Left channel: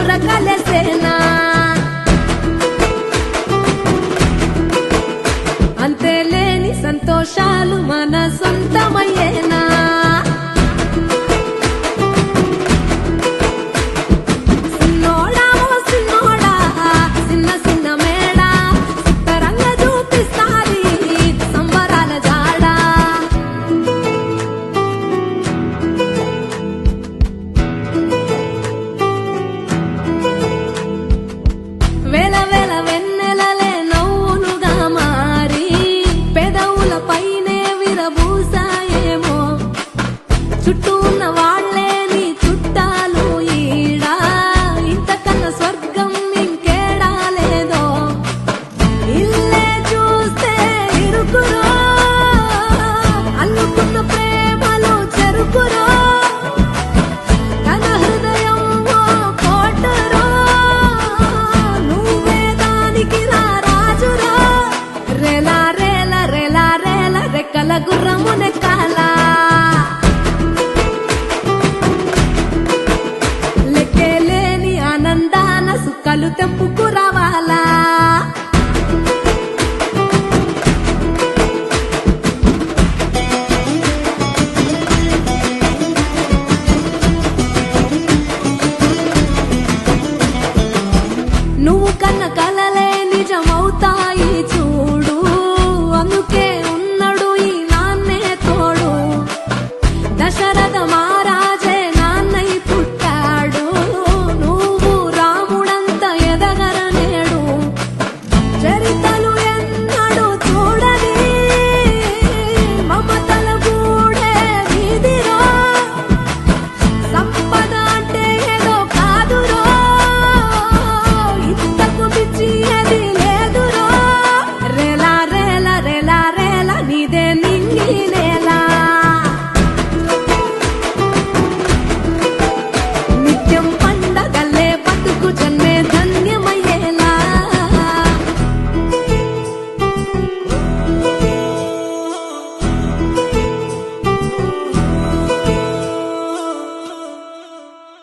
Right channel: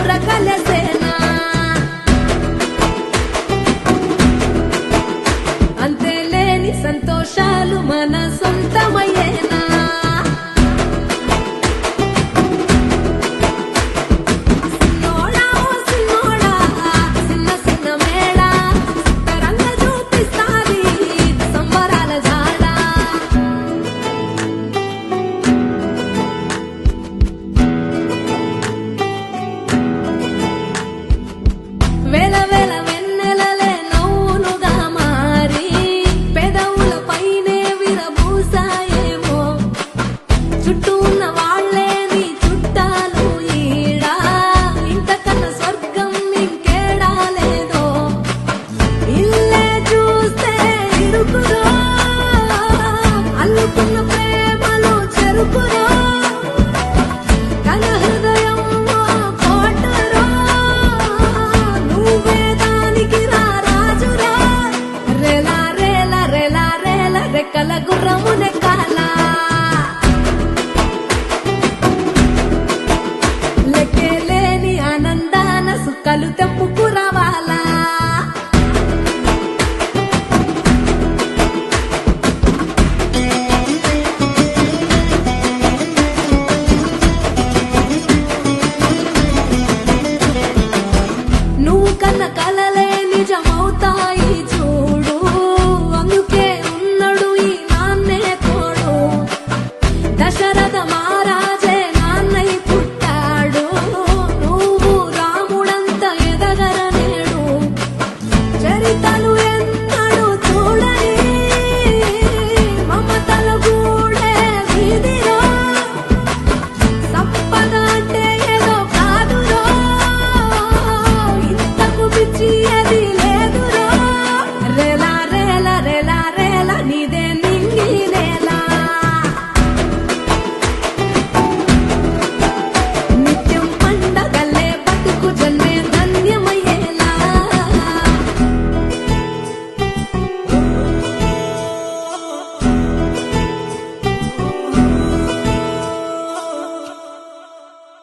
ఉరకలేసేనా అంతేలేని సంతోషాలు మన సొంతమయ్యేనా సిన్నోడా ఓ సిన్నోడా చిన్న చిన్న మేడా సిత్తరంగా చూపిస్తాది సంబరాల జాడా వేల వేల వెన్నెలలే నవ్వులుగా మారి పెదవుల పైనే విరబూసాయేమో చుట్టూ ఉన్న వాళ్లే నీ చుట్టాలు ఈడా ఇంతకన్నా స్వర్గం ఇంకేడా లేదో ఇల్లే చూస్తే ఇరుకురో అల్లుకున్న ప్రేమలు చెరుకురో తన హృదయం కోటరో నువ్వే దానికి రాజురా రేలా రేలా రేలా రేలా రెక్కల గుర్రము నెక్కాలా లెక్కేలేని ఆనందాన సుక్కలు తెంపుకు రావాలా నువ్వు కన్న కలలే నిజమవుతాయి చూడు అందుకే ఉన్నాడు ఈ నాన్నే తోడు దశరథ మహారాజే నాన్నై పుట్టాడు నువ్వు రాముడంత ఎదగరనేడు చరితలు ఎన్నడు చూడని మమతల గూడే వీధిరో సంపద అంటే ఏదో కాదురో ఇంతకు మించి అది లేదురో రేలా రేలా రేలా రేలా నీదే నింగి నేలా నిత్యం పండగల్లే బతుకు జన్మే